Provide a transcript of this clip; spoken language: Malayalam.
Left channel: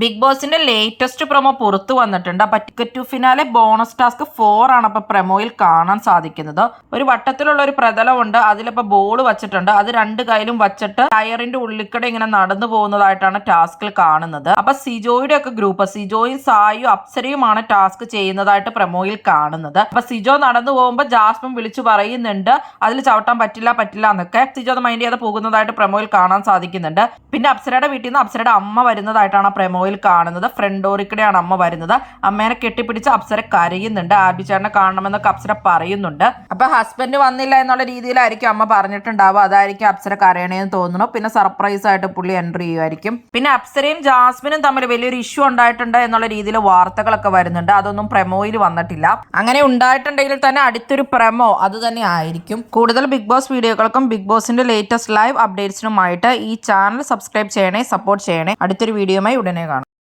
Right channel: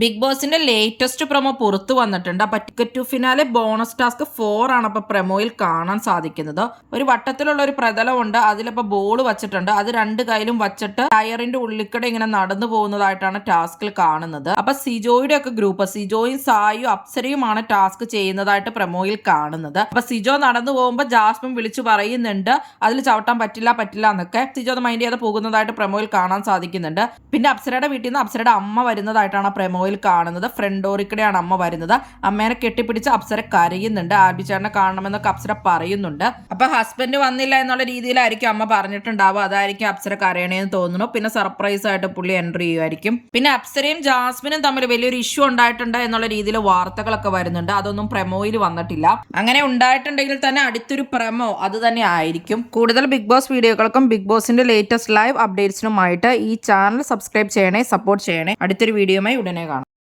ബിഗ് ബോസിന്റെ ലേറ്റസ്റ്റ് പ്രൊമോ പുറത്തു വന്നിട്ടുണ്ട്. അപ്പൊ ticket to finale bonus task 4 ആണ് അപ്പൊ പ്രൊമോയിൽ കാണാൻ സാധിക്കുന്നത്. ഒരു വട്ടത്തിലുള്ള ഒരു പ്രതലമുണ്ട്, അതിലിപ്പോ ബോൾ വച്ചിട്ടുണ്ട്. അത് രണ്ട് കൈയിലും വച്ചിട്ട് ടയറിന്റെ ഉള്ളിക്കടെ ഇങ്ങനെ നടന്നു പോകുന്നതായിട്ടാണ് ടാസ്കിൽ കാണുന്നത്. അപ്പൊ സിജോയുടെ ഒക്കെ ഗ്രൂപ്പ്, സിജോയും സായും അപ്സരയുമാണ് ടാസ്ക് ചെയ്യുന്നതായിട്ട് പ്രൊമോയിൽ കാണുന്നത്. അപ്പൊ സിജോ നടന്നു പോകുമ്പോൾ ജാസ്മിൻ വിളിച്ചു പറയുന്നുണ്ട് അതിൽ ചവിട്ടാൻ പറ്റില്ല എന്നൊക്കെ. സിജോ അത് മൈൻഡ് ചെയ്ത് പോകുന്നതായിട്ട് പ്രൊമോയിൽ കാണാൻ സാധിക്കുന്നുണ്ട്. പിന്നെ അപ്സരയുടെ വീട്ടിൽ നിന്ന് അപ്സരയുടെ അമ്മ വരുന്നതായിട്ടാണ് പ്രൊമോയിൽ കാണുന്നത്. ഫ്രണ്ട് ഡോറിക്കടെയാണ് അമ്മ വരുന്നത്. അമ്മേനെ കെട്ടിപ്പിടിച്ച് അപ്സര കരയുന്നുണ്ട്. ആൽബിച്ചേട്ടനെ കാണണമെന്നൊക്കെ അപ്സര പറയുന്നുണ്ട്. അപ്പൊ ഹസ്ബൻഡ് വന്നില്ല എന്നുള്ള രീതിയിലായിരിക്കും അമ്മ പറഞ്ഞിട്ടുണ്ടാവുക. അതായിരിക്കും അപ്സര കരയണേന്ന് തോന്നുന്നു. പിന്നെ സർപ്രൈസ് ആയിട്ട് പുള്ളി എൻട്രി ചെയ്യുമായിരിക്കും. പിന്നെ അപ്സരയും ജാസ്മിനും തമ്മിൽ വലിയൊരു ഇഷ്യൂ ഉണ്ടായിട്ടുണ്ട് എന്നുള്ള രീതിയിൽ വാർത്തകളൊക്കെ വരുന്നുണ്ട്. അതൊന്നും പ്രൊമോയിൽ വന്നിട്ടില്ല. അങ്ങനെ ഉണ്ടായിട്ടുണ്ടെങ്കിൽ തന്നെ അടുത്തൊരു പ്രൊമോ അത് തന്നെ ആയിരിക്കും. കൂടുതൽ ബിഗ് ബോസ് വീഡിയോകൾക്കും ബിഗ് ബോസിന്റെ ലേറ്റസ്റ്റ് ലൈവ് അപ്ഡേറ്റ്സിനുമായിട്ട് ഈ ചാനൽ സബ്സ്ക്രൈബ് ചെയ്യണേ, സപ്പോർട്ട് ചെയ്യണേ. അടുത്തൊരു വീഡിയോയുമായി ഉടനെ കാണാം.